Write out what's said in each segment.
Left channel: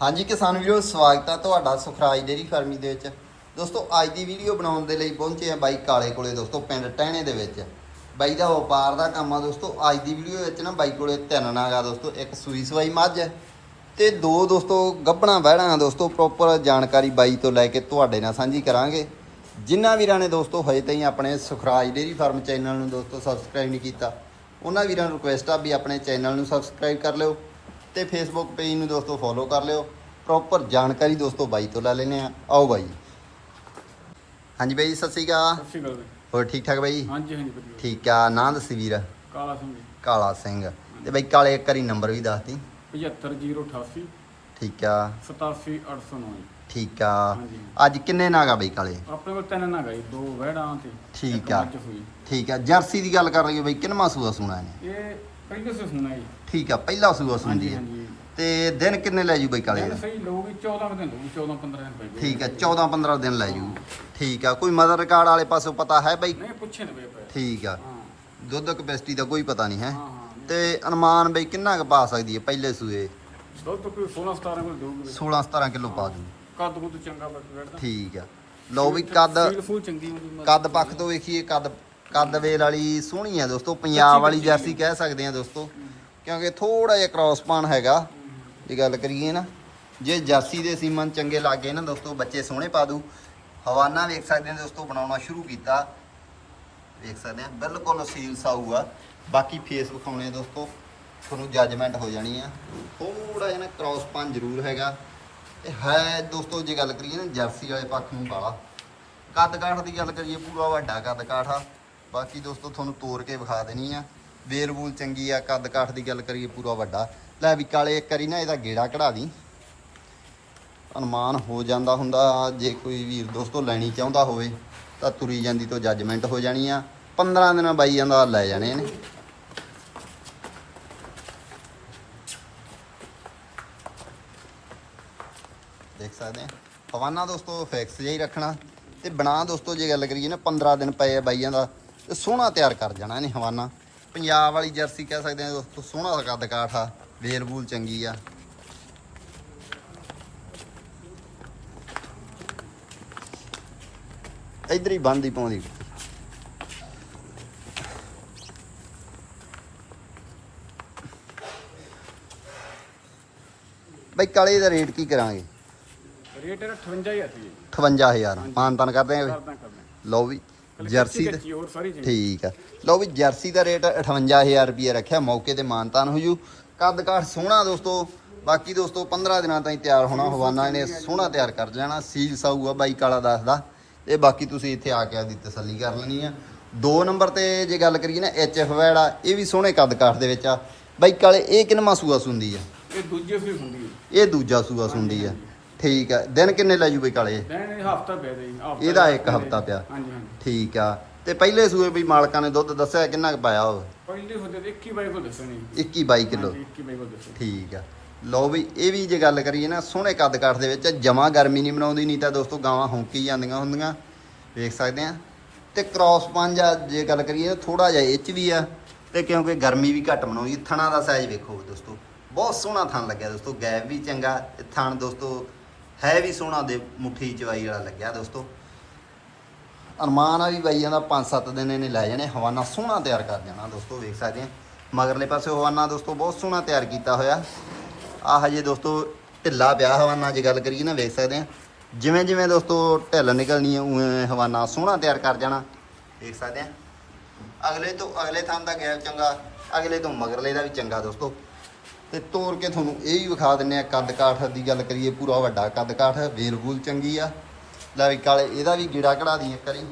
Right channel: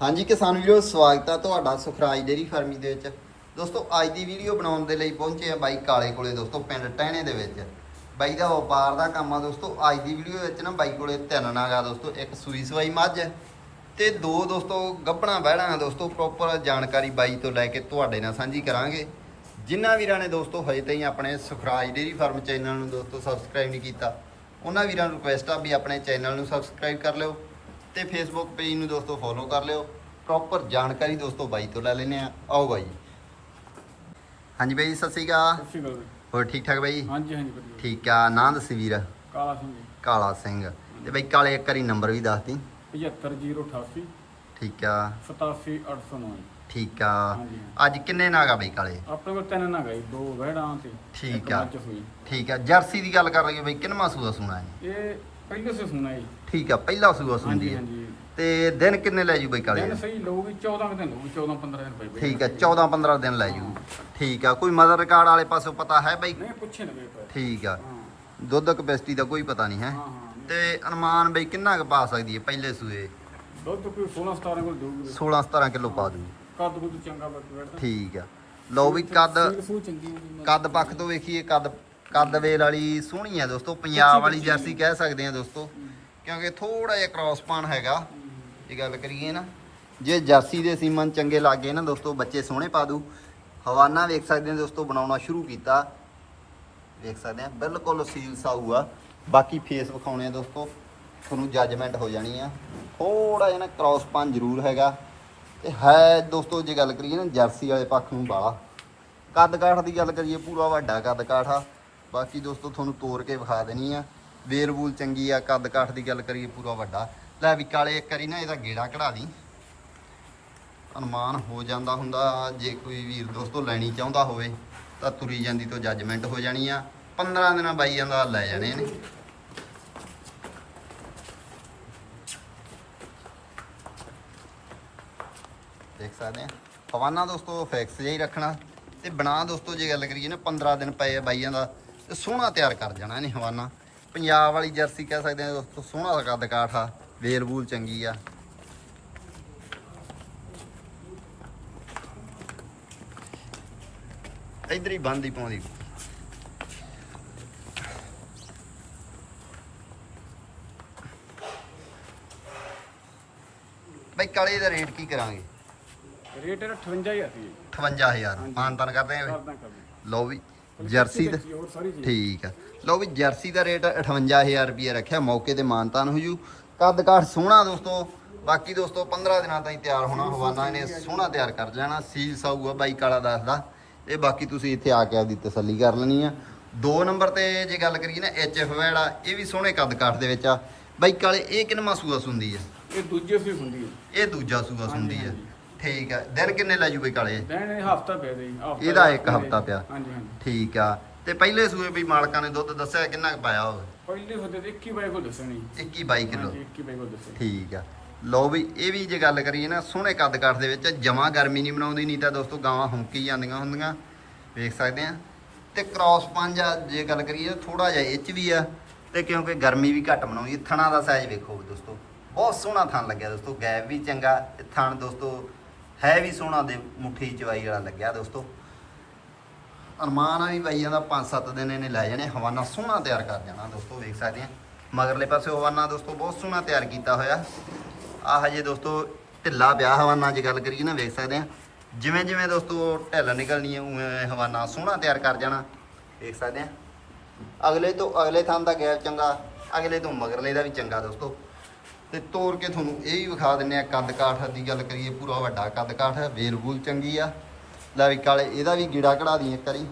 ਹਾਂਜੀ ਕਿਸਾਨ ਵੀਰੋ, ਸਵਾਗਤ ਆ ਤੁਹਾਡਾ ਸੁਖਰਾਜ ਡੇਰੀ ਫਾਰਮੀ ਦੇ ਵਿੱਚ। ਦੋਸਤੋ, ਅੱਜ ਦੀ ਵੀਡੀਓ ਬਣਾਉਣ ਦੇ ਲਈ ਪਹੁੰਚੇ ਆ ਬਾਈ ਕਾਲੇ ਕੋਲੇ, ਦੋਸਤੋ, ਪਿੰਡ ਟਹਿਣੇ ਦੇ ਵਿੱਚ। ਬਾਈ ਦਾ ਵਪਾਰ ਦਾ ਕੰਮ ਆ ਦੋਸਤੋ, ਅੱਜ ਦੀ ਵੀਡੀਓ ਵਿੱਚ ਨਾ ਬਾਈ ਕੋਲੇ ਤਿੰਨ ਨਾਗਾ ਦੋਸਤੋ, ਇੱਕ ਸੂਈ ਸਵਾਈ ਮੱਝ ਹੈ ਤੇ ਦੋ ਦੋਸਤੋ ਗੱਭਣਾ ਬਹਿਣਾ ਦੋਸਤੋ ਪ੍ਰੋਪਰ ਜਾਣਕਾਰੀ ਬਾਈ ਤੋਂ ਲੈ ਕੇ ਤੁਹਾਡੇ ਨਾਲ ਸਾਂਝੀ ਕਰਾਂਗੇ। ਜਿਨ੍ਹਾਂ ਵੀਰਾਂ ਨੇ ਦੋਸਤੋ ਹਜੇ ਤਾਈਂ ਆਪਣੇ ਸੁਖਰਾਜ ਡੇਰੀ ਫਾਰਮ ਚੈਨਲ ਨੂੰ ਦੋਸਤੋ ਸਬਸਕ੍ਰਾਈਬ ਨਹੀਂ ਕੀਤਾ, ਉਹਨਾਂ ਵੀਰਾਂ ਨੂੰ ਰਿਕੁਐਸਟ ਆ ਵੀ ਆਪਣੇ ਚੈਨਲ ਨੂੰ ਸਬਸਕ੍ਰਾਈਬ ਕਰ ਲਿਓ। ਤੇ ਫੇਸਬੁੱਕ ਪੇਜ ਨੂੰ ਦੋਸਤੋ ਫੋਲੋ ਕਰ ਲਿਓ। ਪ੍ਰੋਪਰ ਜਾਣਕਾਰੀ ਦੋਸਤੋ ਬਾਈ ਤੋਂ ਲੈ ਲੈਨੇ ਆ ਆਓ ਬਾਈ। ਹਾਂਜੀ ਬਾਈ ਸਤਿ ਸ਼੍ਰੀ ਅਕਾਲ। ਸਤਿ ਸ਼੍ਰੀ ਅਕਾਲ ਜੀ। ਹੋਰ ਠੀਕ ਠਾਕ ਬਾਈ? ਹਾਂਜੀ ਹਾਂਜੀ ਵਧੀਆ। ਠੀਕ ਆ। ਨਾਂ ਦੱਸੀ ਵੀਰ? ਕਾਲਾ ਸਿੰਘ ਜੀ। ਕਾਲਾ ਸਿੰਘ। ਤੇ ਬਾਈ ਕਾਲੇ ਇੱਕ ਵਾਰੀ ਨੰਬਰ ਵੀ ਦੱਸਦੀ 75088 ਠੀਕ ਆ। 87809 ਜੀ। ਠੀਕ ਆ। ਹਾਂਜੀ। ਅੱਜ ਕਿੰਨੇ ਨਾਗਾ ਬਾਈ ਕਾਲੇ? ਆਪਣੇ ਕੋਲ ਤਿੰਨ ਨਾ ਗਈ ਦੋ ਵਹਿੜਾਂ ਤੇ ਠੀਕ ਇੱਕ ਆ। ਮੱਝ ਹੋਈ। ਠੀਕ ਆ। ਜਰਸੀ ਦੀ ਗੱਲ ਕਰ ਲਈਏ ਬਾਈ ਕਿੰਨਵਾਂ ਸੂਆ ਸੁਣਾ ਹੈ ਇਹ ਪਹਿਲੇ ਸੇ ਸੁਣਾ ਜੀ। ਠੀਕ ਆ ਪਹਿਲਾ ਸੂਆ ਸੁਣਦੀ ਹਾਂਜੀ ਹੈ ਹਾਂਜੀ। ਤੇ ਦਿਨ ਕਿੰਨੇ ਲੈ ਜੂ ਬਾਈ ਕਾਲੇ? ਦਿਨ ਸਹੀ ਲਊਗੀ 14 ਕੁ ਦਿਨ ਲਊਗੀ 14 15 ਦਿਨ ਪਈ ਠੀਕ ਆ 14 15 ਦਿਨ ਲੈ ਜੂ। ਠੀਕ ਆ ਕੋਈ ਮਦਰ ਰਿਕਾਰਡ ਵਾਲੇ ਪਾਸੋਂ ਪਤਾ ਹੈ ਬਾਈ? ਨਹੀਂ ਪੁੱਛੇ ਨਾ ਬਈ ਪਏ ਠੀਕ ਆ। ਹਾਂ। ਦੁੱਧ ਕਪੈਸਿਟੀ ਦਾ ਕੋਈ ਪਤਾ ਨਹੀਂ ਹੈ। ਹਾਂ ਹਾਂ ਤੇ ਅਨੁਮਾਨ ਬਈ ਕਿੰਨਾ ਕੁ ਪਾ ਸਕਦੀ ਹੈ ਪਹਿਲੇ ਸੂਏ? ਦੁੱਧ ਕੋਈ 16 17 ਕੋਲ ਦੇਊਗੀ 16 17 ਕਿਲੋ ਪਾ ਦੂ ਕੱਦ ਕੁੱਦ ਚੰਗਾ ਬੈਠਦਾ। ਠੀਕ ਆ। ਲਓ ਵੀ ਕੱਦ ਸੀਲ ਫੂਲ ਚੰਗੀ ਹੁੰਦੀ ਕੱਦ ਪੱਖ ਤੋਂ ਵੇਖੀਏ ਕੱਦ ਕੱਦ ਵੇਲ ਵਾਲੀ ਸੋਹਣੀ ਆ ਦੋਸਤੋ ਪੰਜਾਬ ਵਾਲੀ ਜਰਸੀ ਕਹਿ ਸਕਦੇ ਆ ਦੋਸਤੋ। ਕਿਉਂਕਿ ਥੋੜਾ ਜਿਹਾ ਕ੍ਰਾਸ ਪਾਨ ਹੈਗਾ ਜੇ ਗੱਲ ਕਰੀਏ ਨਾ। ਜੇ ਜਰਸੀ ਦੇ ਸੀਮਨ ਚੰਗੇ ਲੱਗੇ ਨਾ ਦੋਸਤੋ ਬੱਚੇ ਸੋਹਣੇ ਪਾ ਦੂ। ਹਵਾਨਾ ਵੇਖ ਸਕਦੇ ਆ ਦੋਸਤੋ ਬਣਾਉਣਾ ਸ਼ੁਰੂ ਕੀਤਾ। ਵੇਖ ਸਕਦੇ ਆ ਬਿਲਕੁਲ ਸੀਲ ਸਾਊ ਆ ਬਾਕੀ ਫੇਸ ਵਿਖਾਉਣੇ ਆ ਦੋਸਤੋ ਤੁਹਾਨੂੰ ਜੱਜਮੈਂਟ ਹੋ ਜਾਣੀ ਆ। ਥੋੜਾ ਜਿਹਾ ਨਾ ਕ੍ਰਾਸ ਪਾਨ ਜ਼ਰੂਰ ਹੈਗਾ। ਤੇ ਹੈ ਦੋਸਤੋ ਜੇ ਗੱਲ ਕਰੀਏ ਨਾ ਜਰਸੀ ਵਾਲੇ ਪੱਖ ਨੂੰ ਬਾਲਾ ਕੱਦ ਕਾਠ ਦੀ ਗੱਲ ਕਰੀਏ ਪੂਰਾ ਵੱਡਾ ਕੱਦ ਕਾਠ ਆ। ਬਾਕੀ ਦੋਸਤੋ ਤੁਹਾਨੂੰ ਤੋੜ ਕੇ ਵਿਖਾ ਦੇਣੀ ਆ। ਵੇਲ ਵੂਲ ਚੰਗੀ ਆ, ਕੱਦ ਕਾਠ ਦੀ ਗੱਲ ਕਰੀਏ ਪੂਰਾ ਵੱਡਾ। ਲੈ ਵੀ ਕਾਲੇ ਇੱਕ ਵਾਰੀ ਨਾ ਇਹਦਾ ਗੇੜਾ ਕਢਾ ਦੀ। ਅਨੁਮਾਨ ਹੋ ਜਾਂਦਾ ਹੁੰਦਾ, ਜੇ ਕੋਈ ਵੀਰ ਦੋਸਤੋ ਲੈਣੀ ਚਾਹੁੰਦਾ ਹੋਵੇ, ਤਾਂ ਤੁਰੀ ਜਾਂਦੀ ਤੋਂ ਜੱਜਮੈਂਟ ਹੋ ਜਾਣੀ ਆ। 15 ਦਿਨਾਂ ਬਾਈ ਜਾਂਦਾ, ਲੈ ਜਾਣੇ ਨੇ ਦੇਖ ਸਕਦੇ ਆ। ਪਵਾਨਾ ਦੋਸਤੋ ਫਿਕਸ ਜਿਹਾ ਹੀ ਰੱਖਣਾ। ਤੇ ਬਣਾ ਦੋਸਤੋ ਜੇ ਗੱਲ ਕਰੀਏ ਨਾ 15 ਦਿਨ ਪਏ ਆ ਬਾਈਆਂ ਦਾ ਤੇ ਸੋਹਣਾ ਤਿਆਰ ਕਰ ਜਾਣਾ ਇਹਨੇ ਹਵਾਨਾ। ਪੰਜਾਬ ਵਾਲੀ ਜਰਸੀ ਕਹਿ ਸਕਦੇ ਆ ਦੋਸਤੋ ਸੋਹਣਾ ਕੱਦ ਕਾਠ ਵੇਲ ਵੂਲ ਚੰਗੀ ਆ। ਇਧਰ ਹੀ ਬੰਦ ਹੀ ਪਾਉਂਦੀ। ਬਈ ਕਾਲੇ ਦਾ ਰੇਟ ਕੀ ਕਰਾਂਗੇ? ਰੇਟ ਇਹਦਾ 58000 ਸੀ ਜੀ। 58000 ਹਾਂਜੀ। ਮਾਨਤਨ ਕਰਦੇ ਆ ਕਰਦਾ ਲਓ ਵੀ। ਜਰਸੀ ਦਾ ਹੋਰ ਸਾਰੀ ਚੀਜ਼। ਠੀਕ ਆ। ਲਓ ਵੀ ਜਰਸੀ ਦਾ ਰੇਟ 58000 ਰੁਪਏ ਰੱਖਿਆ ਮੌਕੇ ਤੇ ਮਾਨਤਾਨ ਹੋ ਜੂ। ਕੱਦ ਕਾਠ ਸੋਹਣਾ ਦੋਸਤੋ ਬਾਕੀ ਦੋਸਤੋ 15 ਦਿਨਾਂ ਤਾਈਂ ਤਿਆਰ ਹੋਣਾ ਹਵਾਨਾ ਇਹਨੇ ਸੋਹਣਾ ਤਿਆਰ ਕਰ ਜਾਣਾ ਸੀਲ ਸਾਊ ਆ ਬਾਈ ਕਾਲਾ ਦੱਸਦਾ ਇਹ ਬਾਕੀ ਤੁਸੀਂ ਇੱਥੇ ਆ ਕੇ ਆਪਦੀ ਤਸੱਲੀ ਕਰ ਲੈਣੀ ਆ। ਦੋ ਨੰਬਰ ਤੇ ਜੇ ਗੱਲ ਕਰੀਏ ਨਾ ਐਚ ਐਫ ਵੈੜਾ ਇਹ ਵੀ ਸੋਹਣੇ ਕੱਦ ਕਾਠ ਦੇ ਵਿੱਚ ਆ। ਬਾਈ ਕਾਲੇ ਇਹ ਕਿੰਨਵਾਂ ਸੂਆ ਸੁੰਦੀ ਆ? ਇਹ ਦੂਜੇ ਸੀ ਹੁੰਦੀ ਹੈ ਇਹ ਦੂਜਾ ਸੂਆ ਸੁੰਦੀ ਆ। ਠੀਕ ਆ ਦਿਨ ਕਿੰਨੇ ਲੈ ਜੂ ਬਾਈ ਕਾਲੇ? ਲੈਣ ਇਹ ਹਫਤਾ ਪਿਆ ਜੀ ਹਫ਼ਤਾ ਇਹਦਾ ਇੱਕ ਹਫ਼ਤਾ ਪਿਆ। ਹਾਂਜੀ ਹਾਂਜੀ। ਠੀਕ ਆ। ਤੇ ਪਹਿਲੇ ਸੂਏ ਵੀ ਮਾਲਕਾਂ ਨੇ ਦੁੱਧ ਦੱਸਿਆ ਕਿੰਨਾ ਕੁ ਪਾਇਆ ਹੋਵੇ ਪਹਿਲੇ ਹੁੰਦੇ ਤੇ 21 ਬਾਈ ਕੋਲ ਦੱਸਣੀ। 21 22 ਕਿਲੋ। ਹਾਂਜੀ 21 ਬਾਈ ਕੋਲ ਦੱਸਣੀ। ਠੀਕ ਆ। ਲਓ ਵੀ ਇਹ ਵੀ ਜੇ ਗੱਲ ਕਰੀਏ ਨਾ ਸੋਹਣੇ ਕੱਦ ਕਾਠ ਦੇ ਵਿੱਚ ਜਮਾ ਗਰਮੀ ਨਹੀਂ ਬਣਾਉਂਦੀ ਨਹੀਂ ਤਾਂ ਦੋਸਤੋ ਗਾਵਾਂ ਹੁੰਕੀ ਜਾਂਦੀਆਂ ਹੁੰਦੀਆਂ। ਵੇਖ ਸਕਦੇ ਆ। ਤੇ ਕ੍ਰਾਸ ਪੰਜ ਆ ਜੇ ਗੱਲ ਕਰੀਏ ਥੋੜਾ ਜਿਹਾ ਇਹ ਚ ਵੀ ਆ। ਤੇ ਕਿਉਂਕਿ ਗਰਮੀ ਵੀ ਘੱਟ ਬਣਾਉਂਦੀ। ਥਣਾ ਦਾ ਸਾਈਜ਼ ਵੇਖੋ ਦੋਸਤੋ। ਬਹੁਤ ਸੋਹਣਾ ਥਣ ਲੱਗਿਆ ਦੋਸਤੋ ਗੈਪ ਵੀ ਚੰਗਾ। ਥਣ ਦੋਸਤੋ ਹੈ ਵੀ ਸੋਹਣਾ ਦੇ ਮੁੱਠੀ ਚਵਾਈ ਵਾਲਾ ਲੱਗਿਆ ਦੋਸਤੋ। ਅਰਮਾਨ ਆ ਵੀ ਬਾਈ ਜਾਂਦਾ 5-7 ਦਿਨ ਇਹਨੇ ਲੈ ਜਾਣੇ, ਹਵਾਨਾ ਸੋਹਣਾ ਤਿਆਰ ਕਰ ਜਾਣਾ ਦੋਸਤੋ ਵੇਖ ਸਕਦੇ ਆ। ਮਗਰਲੇ ਪਾਸੇ ਹਵਾਨਾ ਦੋਸਤੋ, ਬਹੁਤ ਸੋਹਣਾ ਤਿਆਰ ਕੀਤਾ ਹੋਇਆ। ਆ ਹਜੇ ਦੋਸਤੋ ਢਿੱਲਾ ਪਿਆ ਹਵਾਨਾ ਜੇ ਗੱਲ ਕਰੀਏ ਨਾ, ਵੇਖ ਸਕਦੇ ਆ। ਜਿਵੇਂ ਜਿਵੇਂ ਦੋਸਤੋ ਢਿੱਲ ਨਿਕਲਣੀ ਹੈ ਉਵੇਂ ਹਵਾਨਾ ਸੋਹਣਾ ਤਿਆਰ ਕਰ ਜਾਣਾ। ਵੇਖ ਸਕਦੇ ਆ। ਅਗਲੇ ਤੋਂ ਅਗਲੇ ਥਾਂ ਦਾ ਗੈਪ ਚੰਗਾ, ਅਗਲੇ ਤੋਂ ਮਗਰਲੇ ਦਾ ਵੀ ਚੰਗਾ ਦੋਸਤੋ। ਤੇ ਤੋੜ ਕੇ ਤੁਹਾਨੂੰ ਇਹ ਹੀ ਵਿਖਾ ਦਿੰਨੇ ਆ, ਕੱਦ ਕਾਠ ਦੀ ਗੱਲ ਕਰੀਏ, ਪੂਰਾ ਵੱਡਾ ਕੱਦ ਕਾਠ, ਵੇਲ ਵੂਲ ਚੰਗੀ ਆ। ਲੈ ਵੀ ਕਾਲੇ, ਇਹਦਾ ਵੀ ਗੀੜਾ ਕਢਾ ਦੀ ਇੱਕ ਵਾਰੀ।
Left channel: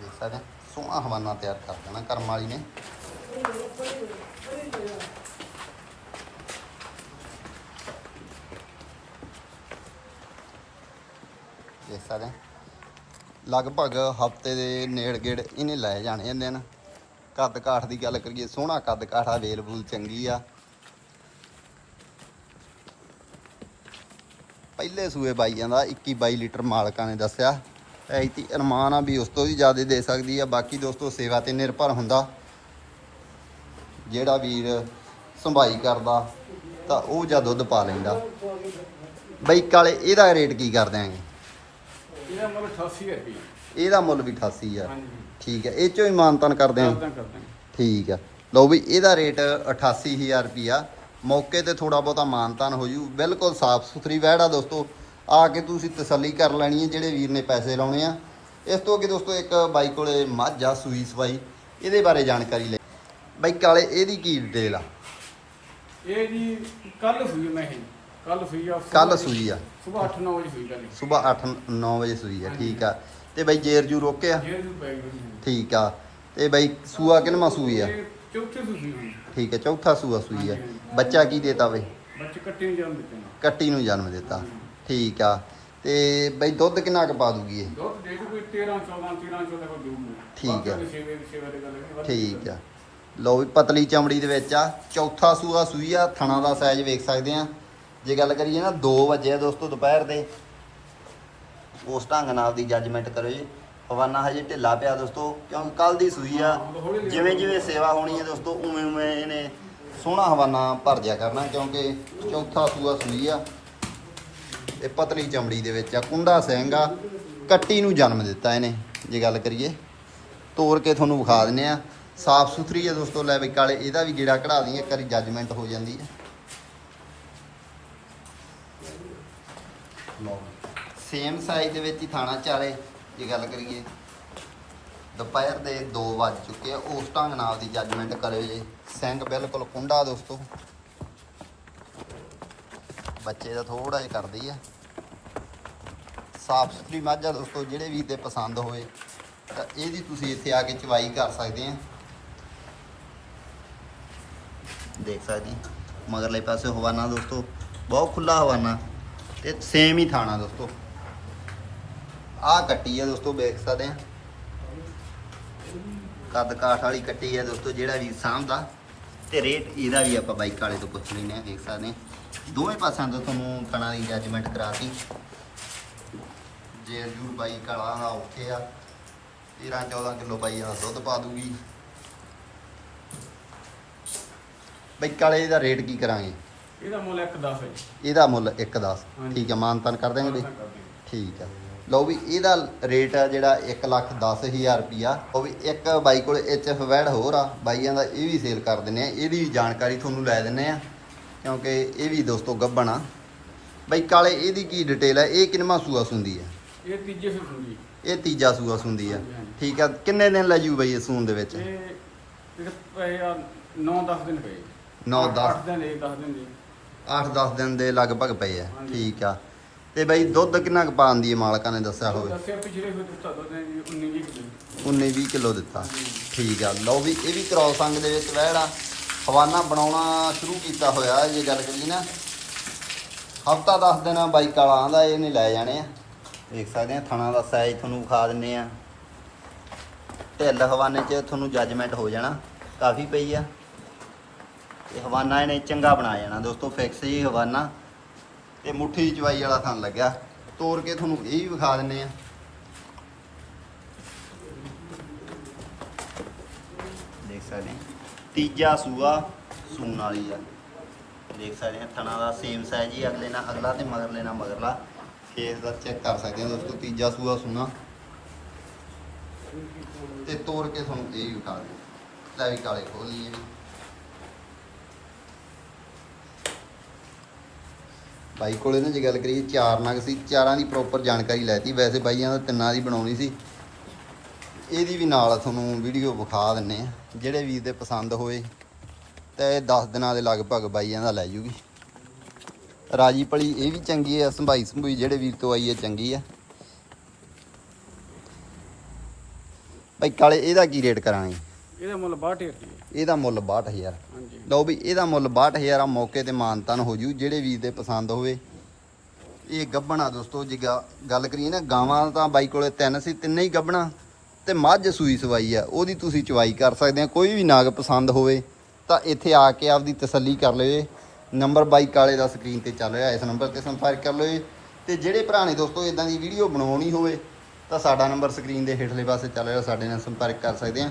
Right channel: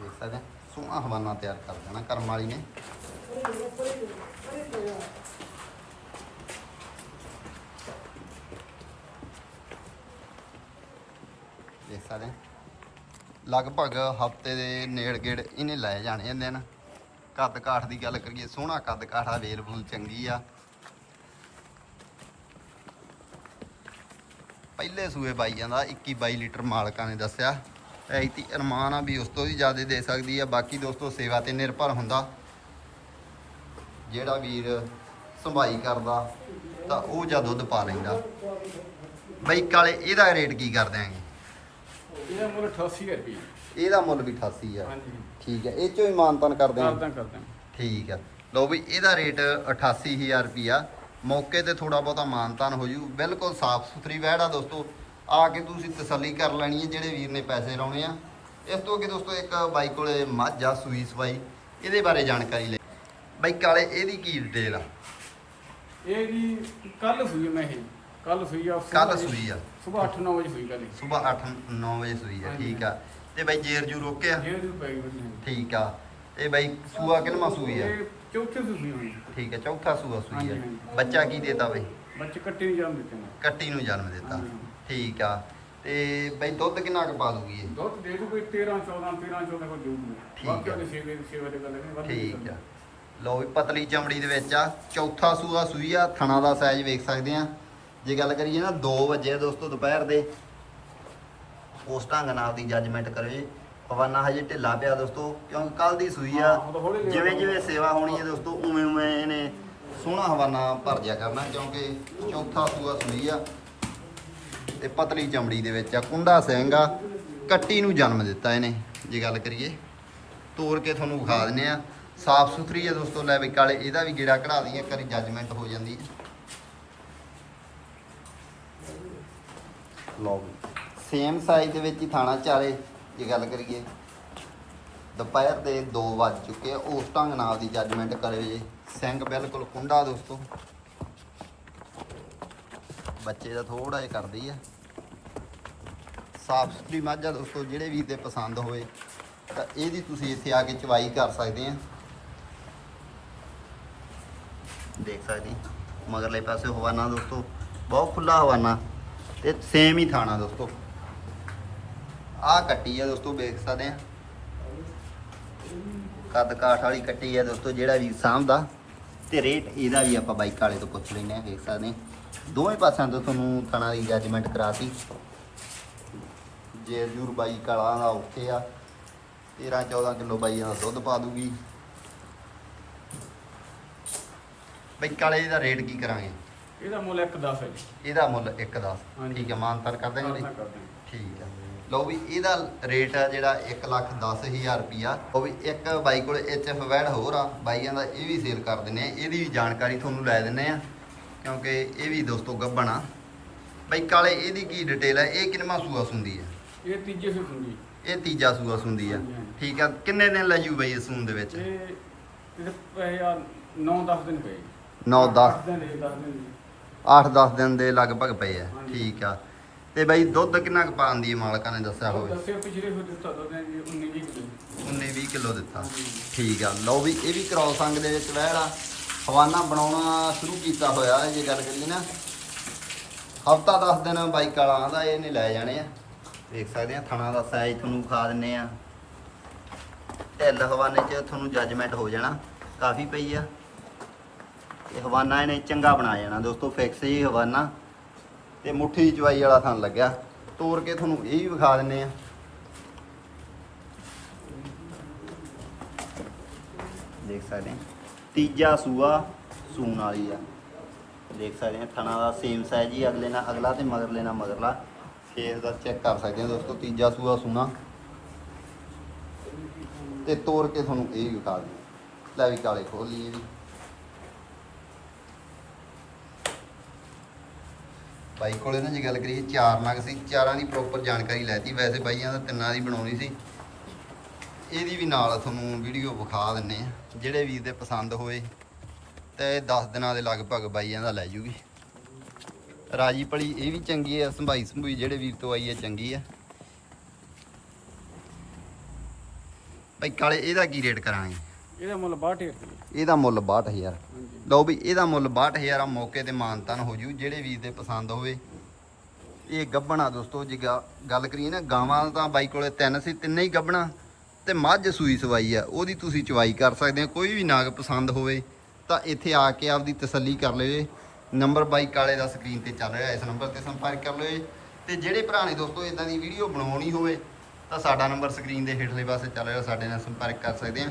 ਦੇਖ ਸਕਦੇ ਸੋਹਣਾ ਹਵਾਨਾ ਤਿਆਰ ਕਰ ਦੇਣਾ ਕਰਮ ਵਾਲੀ ਨੇ। ਦੇਖ ਸਕਦੇ ਲਗਭਗ ਹਫ਼ਤੇ ਦੇ ਨੇੜ ਗੇੜ ਇਹਨੇ ਲੈ ਜਾਣੇ ਹੁੰਦੇ ਨੇ ਕੱਦ ਕਾਠ ਦੀ ਗੱਲ ਕਰੀਏ, ਸੋਹਣਾ ਕੱਦ ਕਾਠ ਆ, ਵੇਲ ਚੰਗੀ ਆ। ਪਹਿਲੇ ਸੂਏ ਬਾਈ ਜਾਂਦਾ 21 22 ਲੀਟਰ ਮਾਲਕਾਂ ਨੇ ਦੱਸਿਆ। ਐਤੀ ਅਰਮਾਨ ਆ ਵੀ ਉਸ ਤੋਂ ਵੀ ਜ਼ਿਆਦਾ ਦੇ ਸਕਦੀ ਆ, ਬਾਕੀ ਦੋਸਤੋ ਸੇਵਾ ਤੇ ਨਿਰਭਰ ਹੁੰਦਾ। ਜਿਹੜਾ ਵੀਰ ਸੰਭਾਈ ਕਰਦਾ, ਤਾਂ ਉਹ ਜਾਂ ਦੁੱਧ ਪਾ ਲੈਂਦਾ। ਬਾਈਕ ਵਾਲੇ ਇਹਦਾ ਰੇਟ ਕੀ ਕਰ ਦਿਆਂਗੇ ਇਹਦਾ ਮੁੱਲ 88000 ਰੁਪਏ ਇਹਦਾ ਮੁੱਲ ਵੀ 88000 ਹਾਂਜੀ। ਠੀਕ ਹੈ ਇਹ ਚੋਂ ਹੀ ਮਾਨਤਨ ਕਰਦੇ ਹਾਂ। ਕਰਦਾਂ ਕਰਦਾਂ ਠੀਕ ਆ। ਲਓ ਵੀ ਇਹਦਾ ਰੇਟ 88000 ਰੁਪਿਆ ਮੌਕੇ ਤੇ ਥੋੜਾ ਬਹੁਤਾ ਮਾਨਤਾਨ ਹੋ ਜੂ। ਬਿਲਕੁਲ ਸਾਫ਼ ਸੁਥਰੀ ਵਹਿੜ ਆ ਦੋਸਤੋ। ਆ ਕੇ ਤੁਸੀਂ ਤਸੱਲੀ ਕਰ ਲੈਣੀ ਹੈ ਜਿਹੜੇ ਵੀਰ ਨੇ ਪੈਸੇ ਲਾਉਣੇ ਆ। ਇਸ ਤੋਂ ਅੱਗੇ ਦੋਸਤੋ ਇੱਕ ਬਾਈ ਕੋਲੇ ਮੱਝ ਆ ਸੂਈ ਸਵਾਈ। ਇਹਦੇ ਬਾਰੇ ਜਾਣਕਾਰੀ ਲੈ। ਬਾਈ ਕਾਲੇ ਇਹਦੀ ਕੀ ਡਿਟੇਲ ਆ? ਇਹ ਜੀ ਕੱਲ ਸੂਈ ਮੈਂ ਇਹ। ਕੱਲ ਸੂਈ ਆ ਕੱਲ ਸੂਈ ਆ। ਸਵੇਰ 8-9 ਵਜੇ ਸੂਈ ਕੱਲ ਸਵੇਰ 8 9 ਵਜੇ ਸੂਈ ਆ। ਠੀਕ ਆ। ਤੇ ਬਾਈ ਜੇਰ ਜੂ ਰੋਕਿਆ? ਜੇ ਜੂ ਪੈ ਗਈ ਠੀਕ ਆ। ਤੇ ਬਾਈ ਸੂਆ ਕਿੰਨਵਾਂ ਸੂਈ ਆ? ਚੌਥੇ ਸੂਈ ਹੋਈ ਠੀਕ ਹੈ ਚੌਥਾ ਸੂਆ ਸੂਈ ਆ। ਬੱਚਾ ਕੀ ਦੇਤਾ ਬਈ? ਬੱਚੇ ਕੱਟੇ ਨਹੀਂ ਜਾਣ ਦਿੱਤੇ ਨੇ। ਕੱਟੀ ਨੂੰ ਜਨਮ ਦਿੱਤਾ। ਠੀਕ ਆ। ਤੇ ਬਈ ਦੁੱਧ ਕਿੰਨਾ ਕੁ ਪਾ ਦੂਗੀ ਇਹ? ਦੁੱਧ ਦੇ ਦੂ ਕੋਈ 13 14 13 14 ਕੋਈ ਦੂਗੀ ਠੀਕ ਆ। ਠੀਕ ਆ। ਲਓ ਵੀ ਪਤਲੀ ਚਮੜੀ ਦੇ ਵਿੱਚ ਆ। ਚੌਥਾ ਸੂਆ ਸੂਈ ਆ। ਥਣਾ ਦਾ ਸਾਈਜ਼ ਵੇਖ ਸਕਦੇ ਆ। ਜੇ ਗੱਲ ਕਰੀਏ ਨਾ 2 ਵਜੇ ਆ ਦੋਸਤੋ ਦੁਪਹਿਰ ਦੇ। ਉਸ ਢੰਗ ਨਾਲ ਦੀ ਜੱਜਮੈਂਟ ਕਰੋ ਜੀ। ਹਵਾਨਾ ਹਜੇ ਢਿੱਲਾ ਪਿਆ ਦੋਸਤੋ ਕਿਉਂਕਿ ਕੱਲ ਦੀ ਸੂਈ ਆ। ਜਿਵੇਂ ਜਿਵੇਂ ਸੇਵਾ ਹੋਣੀ ਹੈ ਦੋਸਤੋ ਉਵੇਂ ਉਵੇਂ ਇਹਨੇ ਸੋਹਣਾ ਹਵਾਨਾ ਭਰ ਦਿਆ ਕਰਨਾ ਕਿਉਂਕਿ ਚੌਥਾ ਸੂਆ ਸੂਈ ਆ। ਇਹ ਪਤਲੀ ਚਮੜੀ ਦੇ ਵਿੱਚ ਆ ਕੁੰਡਾ ਸਿੰਘ ਆ ਕੱਟੀ ਨੂੰ ਜਨਮ ਦਿੱਤਾ ਇਹਨੇ ਜੇ ਗੱਲ ਕਰੀਏ। ਤੋੜ ਕੇ ਤੁਹਾਨੂੰ ਵਿਖਾ ਦਿੰਨੇ ਆ। ਸਾਫ਼ ਸੁਥਰੀ ਹੈ ਦੋਸਤੋ ਲੈ ਵੀ ਕਾਲੇ ਇਹਦਾ ਵੀ ਗੇੜਾ ਕਢਾ ਦਈਏ ਕਰੀ ਜੱਜਮੈਂਟ ਹੋ ਜਾਂਦੀ ਹੈ ਲਓ ਸੇਮ ਸਾਈਜ਼ ਦੇ ਵਿੱਚ ਹੀ ਥਾਣਾ ਚਾਰੇ, ਜੇ ਗੱਲ ਕਰੀਏ। ਦੁਪਹਿਰ ਦੇ 2 ਵੱਜ ਚੁੱਕੇ ਆ, ਉਸ ਢੰਗ ਨਾਲ ਦੀ ਜੱਜਮੈਂਟ ਕਰਿਓ ਜੇ। ਸਿੰਘ ਬਿਲਕੁਲ ਕੁੰਡਾ ਦੋਸਤੋ। ਬੱਚੇ ਦਾ ਥੋੜਾ ਜਿਹਾ ਕਰਦੀ ਆ। ਸਾਫ਼ ਸੁਥਰੀ ਮੱਝ ਆ ਦੋਸਤੋ, ਜਿਹੜੇ ਵੀ ਦੇ ਪਸੰਦ ਹੋਵੇ, ਤਾਂ ਇਹਦੀ ਤੁਸੀਂ ਇੱਥੇ ਆ ਕੇ ਚਵਾਈ ਕਰ ਸਕਦੇ ਆ। ਦੇਖ ਸਕਦੇ ਮਗਰਲੇ ਪਾਸੇ ਹਵਾਨਾ ਦੋਸਤੋ, ਬਹੁਤ ਖੁੱਲਾ ਹਵਾਨਾ। ਤੇ ਸੇਮ ਹੀ ਥਾਣਾ ਦੋਸਤੋ। ਆਹ ਕੱਟੀ ਹੈ ਦੋਸਤੋ, ਵੇਖ ਸਕਦੇ ਆ। ਕੱਦ ਕਾਠ ਵਾਲੀ ਕੱਟੀ ਹੈ ਦੋਸਤੋ, ਜਿਹੜਾ ਵੀ ਸਾਂਭਦਾ ਤੇ ਰੇਟ ਇਹਦਾ ਵੀ ਆਪਾਂ ਬਾਈਕ ਵਾਲੇ ਤੋਂ ਪੁੱਛ ਲੈਂਦੇ ਆ, ਵੇਖ ਸਕਦੇ ਆ। ਦੋਵੇਂ ਪਾਸਿਆਂ ਤੋਂ ਤੁਹਾਨੂੰ ਥਾਣਾ ਦੀ ਜੱਜਮੈਂਟ ਕਰਾਤੀ। ਜੇ ਜੂਰ ਬਾਈਕ ਵਾਲਾ ਦਾ ਓਕੇ ਆ। 13 14 ਕਿਲੋ ਬਾਈ ਦਾ ਦੁੱਧ ਪਾ ਦੂਗੀ। ਬਾਈਕ ਵਾਲੇ ਦਾ ਰੇਟ ਕੀ ਕਰਾਂਗੇ? ਇਹਦਾ ਮੁੱਲ 1.10 ਹੈ ਜੀ। ਇਹਦਾ ਮੁੱਲ 1.10 ਹਾਂਜੀ। ਠੀਕ ਹੈ ਮਾਨਤਨ ਕਰ ਦੇਂਗੇ ਕਰਦੇ ਠੀਕ ਆ ਲਓ ਵੀ ਇਹਦਾ ਰੇਟ ਆ ਜਿਹੜਾ 110000 ਰੁਪਿਆ ਉਹ ਵੀ ਇੱਕ ਬਾਈ ਕੋਲ ਐਚਐਫ ਵੈਡ ਹੋਰ ਆ। ਬਾਈਆਂ ਦਾ ਇਹ ਵੀ ਸੇਲ ਕਰ ਦਿੰਨੇ ਆ ਇਹਦੀ ਵੀ ਜਾਣਕਾਰੀ ਤੁਹਾਨੂੰ ਲੈ ਦਿੰਨੇ ਆ ਕਿਉਂਕਿ ਇਹ ਵੀ ਦੋਸਤੋ ਗੱਬਣ ਆ। ਬਾਈ ਕਾਲੇ ਇਹਦੀ ਕੀ ਡਿਟੇਲ ਹੈ ਇਹ ਕਿੰਨਵਾਂ ਸੂਆ ਸੁੰਦੀ ਆ? ਇਹ ਤੀਜੇ ਸੇ ਸੁਣੀ ਇਹ ਤੀਜਾ ਸੂਆ ਸੁੰਦੀ ਆ। ਹਾਂਜੀ, ਹਾਂਜੀ। ਠੀਕ ਆ। ਕਿੰਨੇ ਦਿਨ ਲੈ ਜੂ ਬਈ ਇਹ ਸੂਣ ਦੇ ਵਿੱਚ? ਇਹ ਇਹਦੇ ਪਏ ਆ 9-10 ਦਿਨ ਪਏ। 9-10 ਅੱਠ ਦਿਨ ਇਹ 10 ਦਿਨ ਦੀ। 8-10 ਦਿਨ ਦੇ ਲਗਭਗ ਪਏ ਆ। ਠੀਕ ਆ। ਤੇ ਬਈ ਦੁੱਧ ਕਿੰਨਾ ਕੁ ਪਾਉਂਦੀ ਹੈ ਮਾਲਕਾਂ ਨੇ ਦੱਸਿਆ ਹੋਵੇ? ਦੱਸਿਆ ਪਿਛਲੇ ਫਿਰ ਦਿੱਤਾ ਦੋ ਦਿਨ ਜੀ 19 ਜੀ। ਕਿਲੋ 19-20 ਕਿਲੋ ਦਿੱਤਾ। ਠੀਕ ਆ ਲਓ ਵੀ ਇਹ ਵੀ ਕ੍ਰੋਸ ਅੰਗ ਦੇ ਵਿੱਚ ਵਹਿੜਾ ਹਵਾਨਾ ਬਣਾਉਣਾ ਸ਼ੁਰੂ ਕੀਤਾ ਹੋਇਆ ਹੈ ਜੇ ਗੱਲ ਕਰੀਏ ਨਾ। ਹਫਤਾ 10 ਦਿਨ ਬਾਈਕ ਵਾਲਾ ਆਂਦਾ ਇਹਨੇ ਲੈ ਜਾਣੇ ਆ। ਦੇਖ ਸਕਦੇ ਆ ਥਣਾ ਦਾ ਸਾਈਜ਼ ਤੁਹਾਨੂੰ ਵਿਖਾ ਦਿੰਨੇ ਆ। ਢਿੱਲ ਹਵਾਨੇ 'ਚ ਤੁਹਾਨੂੰ ਜੱਜਮੈਂਟ ਹੋ ਜਾਣਾ। ਕਾਫੀ ਪਈ ਆ। ਤੇ ਹਵਾਨਾ ਇਹਨੇ ਚੰਗਾ ਬਣਾ ਜਾਣਾ ਦੋਸਤੋ ਫਿਕਸ ਹੀ ਹਵਾਨਾ। ਤੇ ਮੁੱਠੀ ਚਵਾਈ ਵਾਲਾ ਥਣ ਲੱਗਿਆ। ਤੋੜ ਕੇ ਤੁਹਾਨੂੰ ਇਹ ਵੀ ਵਿਖਾ ਦਿੰਨੇ ਆ। ਦੇਖ ਸਕਦੇ ਆ। ਤੀਜਾ ਸੂਆ ਸੂਣ ਵਾਲੀ ਆ। ਦੇਖ ਸਕਦੇ ਆ, ਥਣਾ ਦਾ ਸੇਮ ਸਾਈਜ਼ ਹੀ ਅਗਲੇ ਨਾਲ ਅਗਲਾ ਤੇ ਮਗਰਲੇ ਨਾਲ ਮਗਰਲਾ। ਫੇਸ ਦਾ ਚੈੱਕ ਕਰ ਸਕਦੇ ਆ ਦੋਸਤੋ, ਤੀਜਾ ਸੂਆ ਸੂਣਾ। ਤੇ ਤੋੜ ਕੇ ਤੁਹਾਨੂੰ ਇਹ ਵੀ ਵਿਖਾ ਦਿੰਦੇ ਲੈ ਵੀ ਕਾਲੇ ਖੋਲ ਲਈਏ ਵੀ। ਬਾਈ ਕੋਲੇ ਨਾ ਜੇ ਗੱਲ ਕਰੀਏ ਚਾਰ ਨਗ ਸੀ ਚਾਰਾਂ ਦੀ ਪ੍ਰੋਪਰ ਜਾਣਕਾਰੀ ਲੈਤੀ ਵੈਸੇ ਬਾਈਆਂ ਦਾ ਤਿੰਨਾਂ ਦੀ ਬਣਾਉਣੀ ਸੀ। ਇਹਦੀ ਵੀ ਨਾਲ ਤੁਹਾਨੂੰ ਵੀਡੀਓ ਵਿਖਾ ਦਿੰਨੇ ਆ ਜਿਹੜੇ ਵੀਰ ਦੇ ਪਸੰਦ ਹੋਏ ਤੇ 10 ਦਿਨਾਂ ਦੇ ਲਗਭਗ ਬਾਈਆਂ ਦਾ ਲੈ ਜੂਗੀ। ਰਾਜੀ ਪਲੀ ਇਹ ਵੀ ਚੰਗੀ ਆ ਸੰਭਾਈ ਸੰਭੂਈ ਜਿਹੜੇ ਵੀਰ ਤੋਂ ਆਈ ਹੈ ਚੰਗੀ ਆ। ਭਾਈ ਕਾਲੇ ਇਹਦਾ ਕੀ ਰੇਟ ਕਰਾਂਗੇ? ਇਹਦਾ ਮੁੱਲ 62 ਰੁਪਏ ਇਹਦਾ ਮੁੱਲ 62000 ਹਾਂਜੀ ਲਓ ਵੀ, ਇਹਦਾ ਮੁੱਲ 62000 ਆ, ਮੌਕੇ ਤੇ ਮਾਨਤਨ ਹੋ ਜੂ, ਜਿਹੜੇ ਵੀਰ ਦੇ ਪਸੰਦ ਹੋਵੇ। ਇਹ ਗੱਬਣਾ ਦੋਸਤੋ, ਜੇ ਗੱਲ ਕਰੀਏ ਨਾ, ਗਾਵਾਂ ਤਾਂ ਬਾਈ ਕੋਲੇ ਤਿੰਨ ਸੀ, ਤਿੰਨੇ ਹੀ ਗੱਬਣਾ ਤੇ ਮੱਝ ਸੂਈ ਸਵਾਈ ਆ, ਉਹਦੀ ਤੁਸੀਂ ਚਵਾਈ ਕਰ ਸਕਦੇ ਆ, ਕੋਈ ਵੀ ਨਾਗ ਪਸੰਦ ਹੋਵੇ, ਤਾਂ ਇੱਥੇ ਆ ਕੇ ਆਪਦੀ ਤਸੱਲੀ ਕਰ ਲਿਓ ਨੰਬਰ ਬਾਈ ਕਾਲੇ ਦਾ ਸਕਰੀਨ ਤੇ ਚੱਲ ਰਿਹਾ, ਇਸ ਨੰਬਰ ਤੇ ਸੰਪਰਕ ਕਰ ਲਿਓ ਤੇ ਜਿਹੜੇ ਭਰਾ ਨੇ ਦੋਸਤੋ ਇਦਾਂ ਦੀ ਵੀਡੀਓ ਬਣਾਉਣੀ ਹੋਵੇ, ਤਾਂ ਸਾਡਾ ਨੰਬਰ ਸਕਰੀਨ ਦੇ ਹੇਠਲੇ ਪਾਸੇ ਚੱਲ ਰਿਹਾ, ਸਾਡੇ ਨਾਲ ਸੰਪਰਕ ਕਰ ਸਕਦੇ ਆ।